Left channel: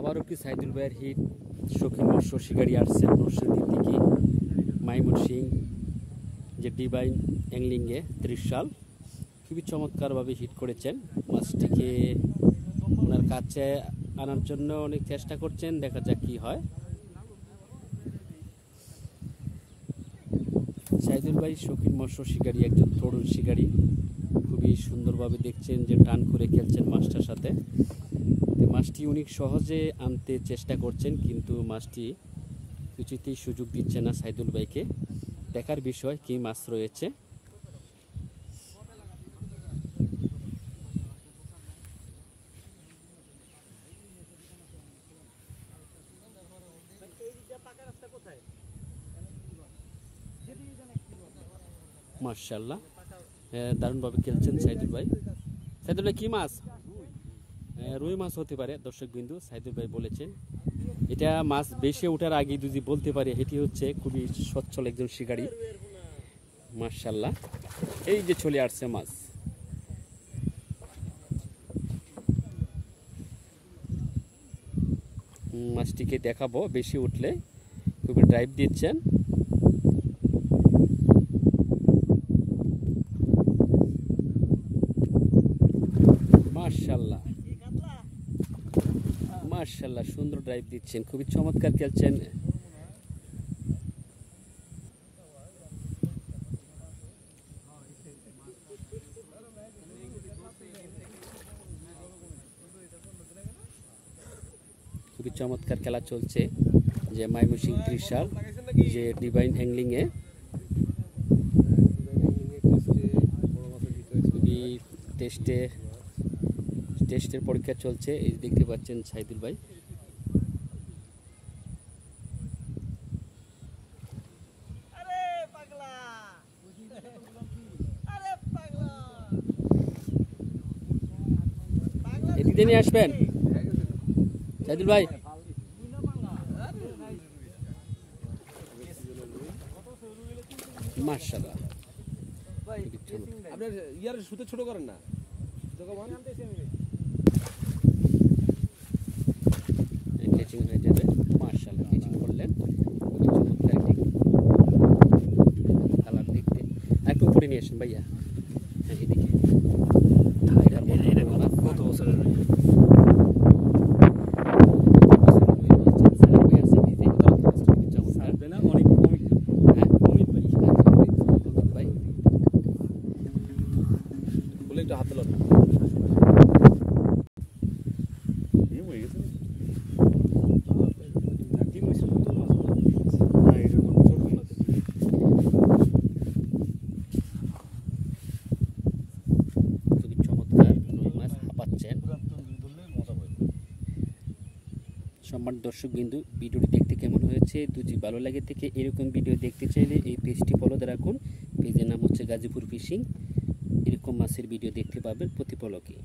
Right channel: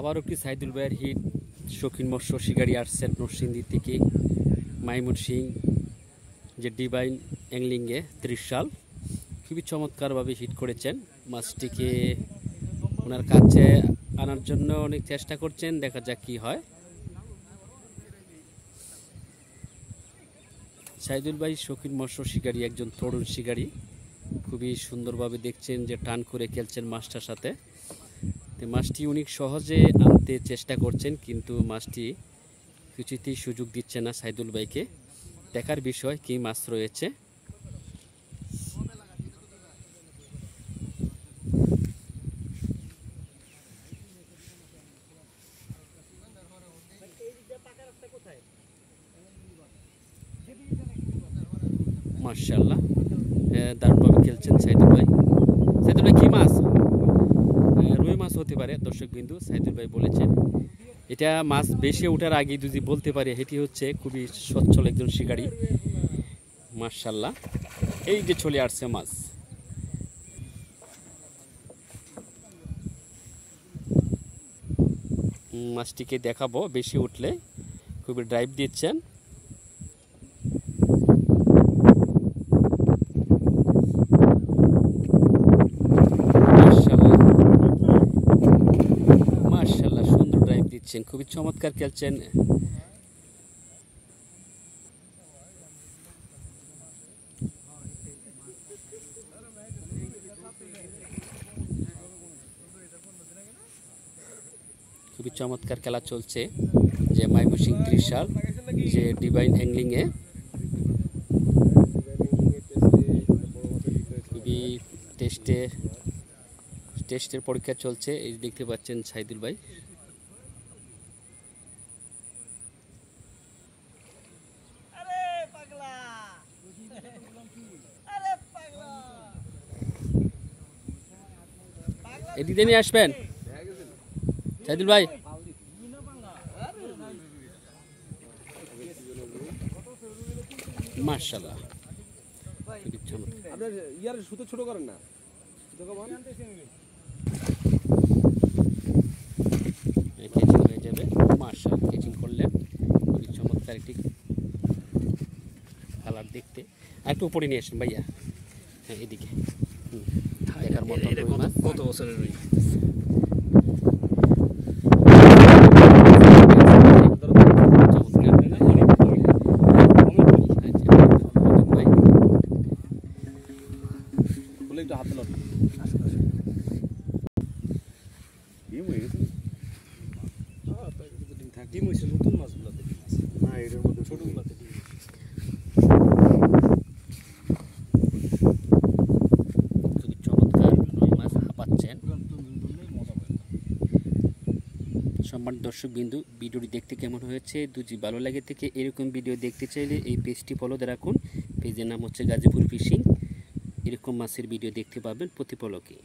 আবারও একটি সাইদুল ভাইয়ের হিট শৌখিন মৎস্য শিকারী আসছেন নরসিংদীর দিকে মাইমুন সিং যে ডিভাইন অ্যাংলিংয়ে ত্রিশাল খুবই চমৎকারভাবে হিট করেছেন মাছটিকে ওনার কাছে আনার জন্য অনেক চেষ্টা করছেন, দেখা যাক কি হয়। সাইদুল ভাই শৌখিন মৎস্য শিকারী, একজন তরুণ শিকারী, খুবই সুন্দরভাবে দেখছেন যে টান করে খেলছেন মাছটার সাথে। মাছটি অনেক সহজে আনতে চেষ্টা করছেন, কিন্তু মাছটি কিছুতেই সুযোগ দিচ্ছে না সাইদুল ভাইকে। দেখার বিষয় কি মাছ রয়েছে। মাশাআল্লাহ, দারুণভাবে খেলছেন সাইদুল ভাই। সাইদুল ভাই কি মাছ? রুই মাছ হতে পারে দর্শক বিন্দু, সাইদুল ভাই বলেছেন। এটা মাছ বেশি ওঠার আগে যদি বলতে পারে এটি হচ্ছে খুবই সচ্ছল একজন শিকারী। মাশাআল্লাহ, এই যে চলে আসছে মাছ। মাছটিকে দেখাবো, বেশি উঠলে খুবই ড্রাইভ দিচ্ছেন। মাশাআল্লাহ, সুন্দর ড্রাইভ দিচ্ছেন, খুবই চমৎকার খেলছেন। খুবই চমৎকার খেলা চলছে যে মাইমুন সিং ত্রিশাল যে ডিভাইন অ্যাংলিংয়ে খুবই টেস্টের পরীক্ষা চলছে। এই দেখতে পাচ্ছেন সাইদুল ভাই। এদিকে নিয়ে আসবেন সাইদুল ভাই। মাশাআল্লাহ, আপনার ইয়ার সুতে ছোট করেন না, কেচিং হয়ে যাবে। মাশাআল্লাহ, কেচিং করলেন, খুবই চমৎকার একটি কালার দেখতে। একটু উপরে নিয়ে আসেন ভাইয়া। হ্যাঁ, এদিকে কত বছরের হাতে লাগবে সম্মানিত দর্শকবৃন্দু, ভিডিওটি দেখতে কেমন হয়েছে যদি ভালো লাগে থেকে এরকম ভিডিও দেখতে চাইলে এই পেজটি ফলো রাখুন। পেজের নাম হচ্ছে গাজীপুর ফিশিং। এরকম মাছের ভিডিও দেখতে পাবেন প্রতি পলকে।